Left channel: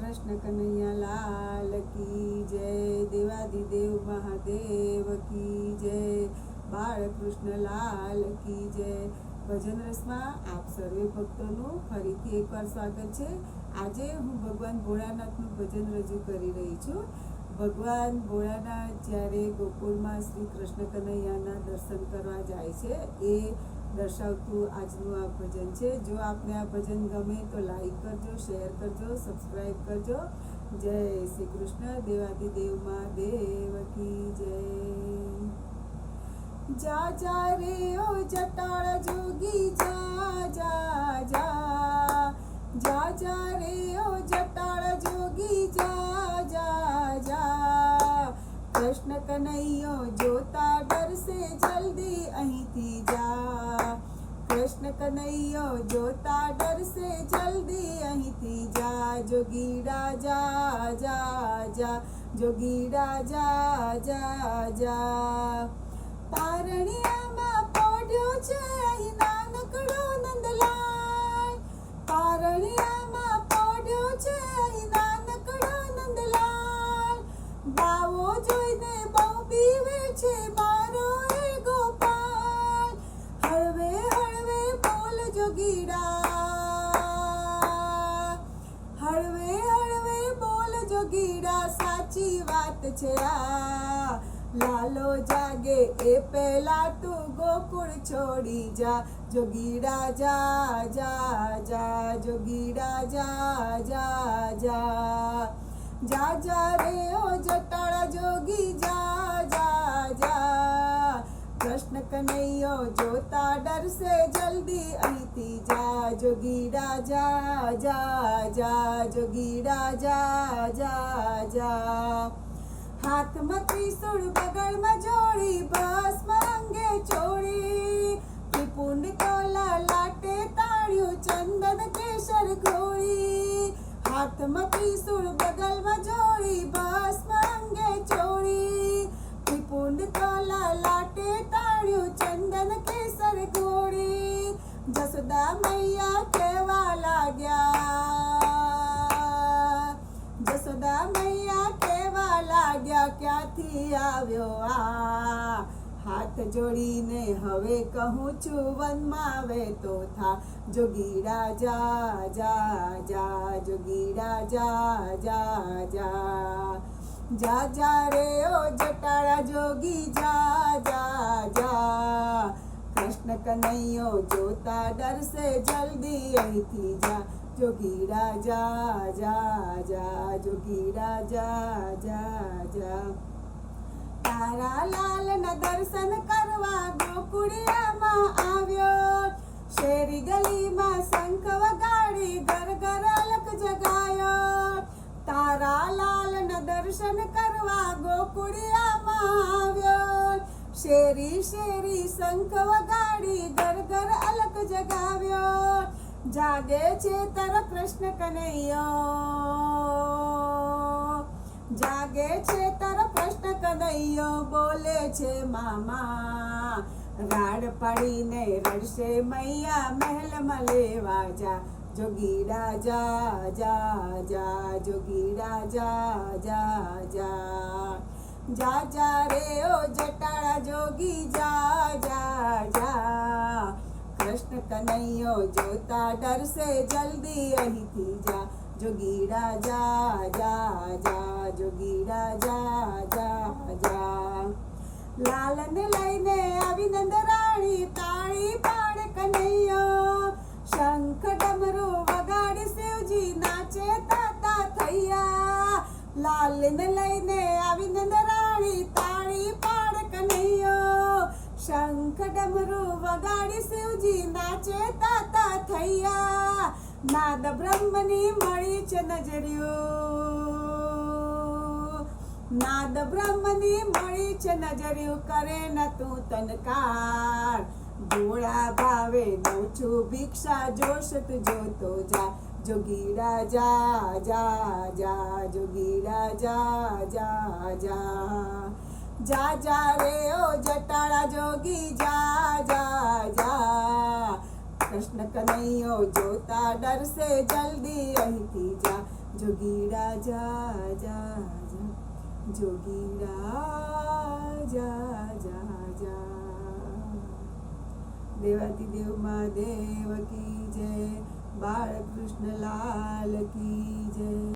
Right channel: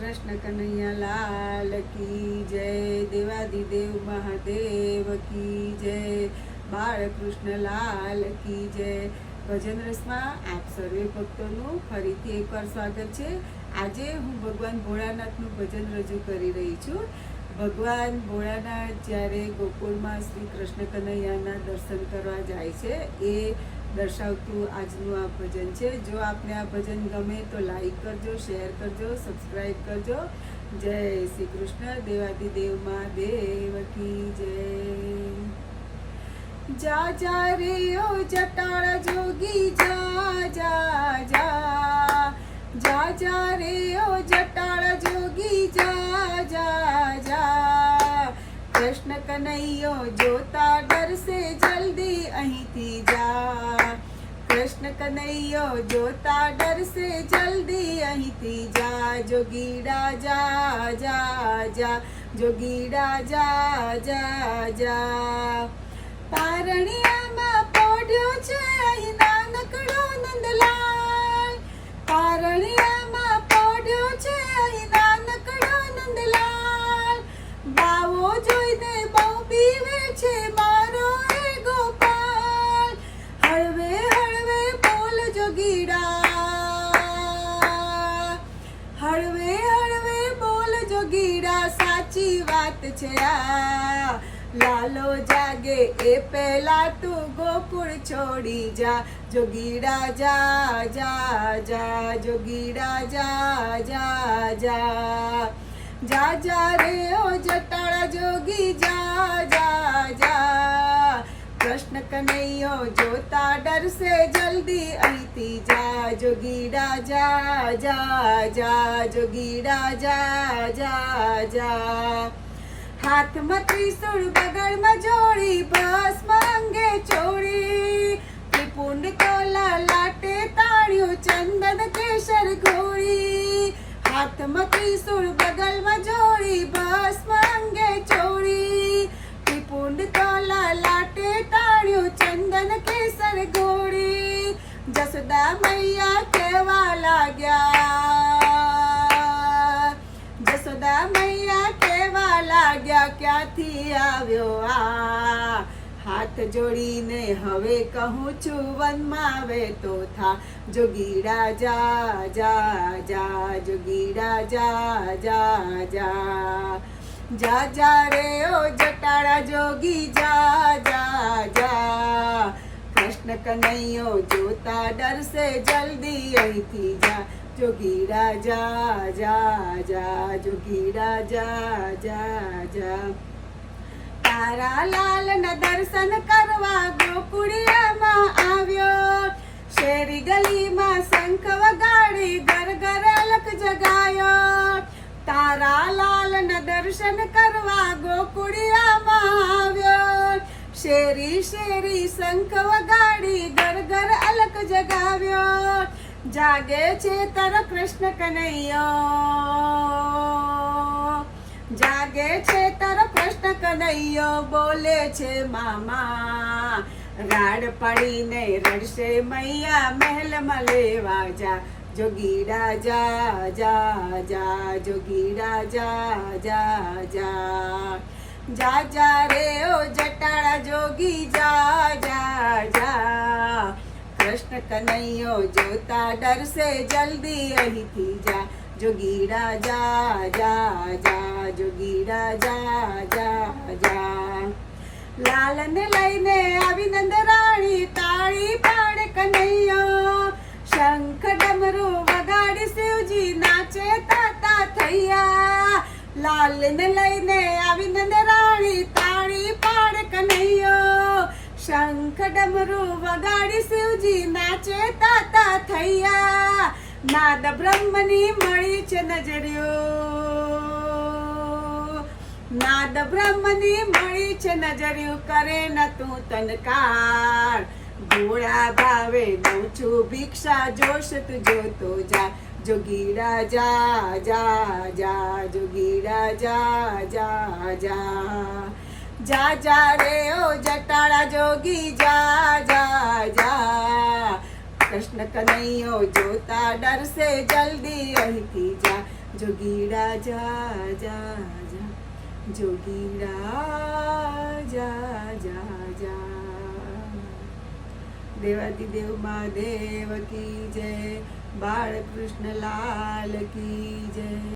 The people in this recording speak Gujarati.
કૃષ્ણ કનૈયા લાલ કી જય દેવાદિદેવ મહાદેવ કી જય, બાળકૃષ્ણ લાલ કી જય. ભજન રસમાં આપ સર્વે ભક્તોનું ફરીથી એકવાર સ્વાગત છે. આજે હું ભગવાન ભોળાનાથનું ભજન રજૂ કરી રહી છું. ભગવાન ભોળાનાથ જ્યારે ગોકુળમાં શ્રી કૃષ્ણ કનૈયાના દર્શન કરવા જાય છે, એ દર્શાવતું આજનું આ ભજન છે. જો આપને આ ભજન ગમે તો લાઈક કરજો શેર કરજો સબસ્ક્રાઈબ કરજો. જય શ્રી કૃષ્ણ. દેવાદિદેવ મહાદેવ કી જય. જા જા રે ઓ જટાળ જોગી, જા જા જા. જા જા રે ઓ જટાળ જોગી, જા કૃષ્ણ કનૈયો જોતા ડરશે જલ્દી અહીંથી જા. કૃષ્ણ કનૈયો જોતા ડરશે જલ્દી અહીંથી જા. જોગીડા જા જા જા. જોગીડા જા જા જા. સાચી વાત છે આ. લાલો જાગે એ પહેલા તું ગોકુળ છોડી જા. જોગીડા જા જા જા, જોગીડા જા જા જા. જા જા રે ઓ જટાળા જોગી, જા જા કૃષ્ણ કનૈયો જોતા ડરશે જલ્દી. અહીંથી જા જોગીડા જા જા જા જોગીડા જા જા જા. હાથમાં ત્રિશુળ બગલમાં જોડી ભસ્મ મૈયા કેવા લાગ્યા? જસોદા મૈયા કેવા લાગ્યા? ક્યાંથી આવ્યો આ? હાથ જોડીને હવે કહું છું, વનમાં આવે તો થા. જોગીડા જા જા જા, જોગીડા જા જા જા. જા જા રે ઓ જટાળા જોગી, જા જા જા. કૃષ્ણ કનૈયો જોતા ડરશે જલ્દી અહીંથી જા. જોગી રાજા, જા જા, જોગી રાજા, જા જા. તારા લાલના દર્શન કરવા ગોકુળિયામાં આવ્યો. શેરી ગલીમાં શંખ વગાડી ઘર ઘર અલક જગાયો. તારા લાલના દર્શન કરવા ગોકુળિયામાં આવ્યો. શેરી શેરી શંખ વગાડી ઘર ઘર અલક જગાવ્યો. જાગે છે તારો કૃષ્ણ કનૈયો. જાગે છે તારો કૃષ્ણ કનૈયો, બોલે છે મામા, રાડ પડીને રડશે મૈયા મહેલમાં લેવા જા. જોગીડા જા જા જા જોગીડા જા જા જા. જા જા રે ઓ જટાળા જોગી, જા જા જા. કૃષ્ણ કનૈયો જોતા ડરશે જલ્દી અહીંથી જા. જોગીડા જા જા જા જોગીડા જા જા જા. લાલને લઈને આવી નંદરાણી તાળી પાડે કનૈયો. શંખ ડમરું વગાડી શિવજી નાચે તાતા થૈયા. લાલને લઈને આવી નંદરાણી તાળી પાડ કનૈયો. શંખ ડમરો વગાડી શિવજી નાચે તાતા થૈયા. નાદ બ્રહ્મની મળી છે નજર્યો નાદ બ્રહ્મની મળી છે નજર્યું કરે ન તું તનકાર. ભોળા ભાવે દઉં છું ભિક્ષા, જોશ તું જોતો જા. જોગીડા જા જા જા જોગીડા જા જા જા જા જા રે ઓ જટાળા જોગી જા જા જા કૃષ્ણ કનૈયો જોતા ડરશે જલ્દી અહીંથી જા જોગીડા જા જા જા જોગીડા જા જા જા દેવાદિદેવ મહાદેવ કી જય બાળકૃષ્ણ લાલ કી જય.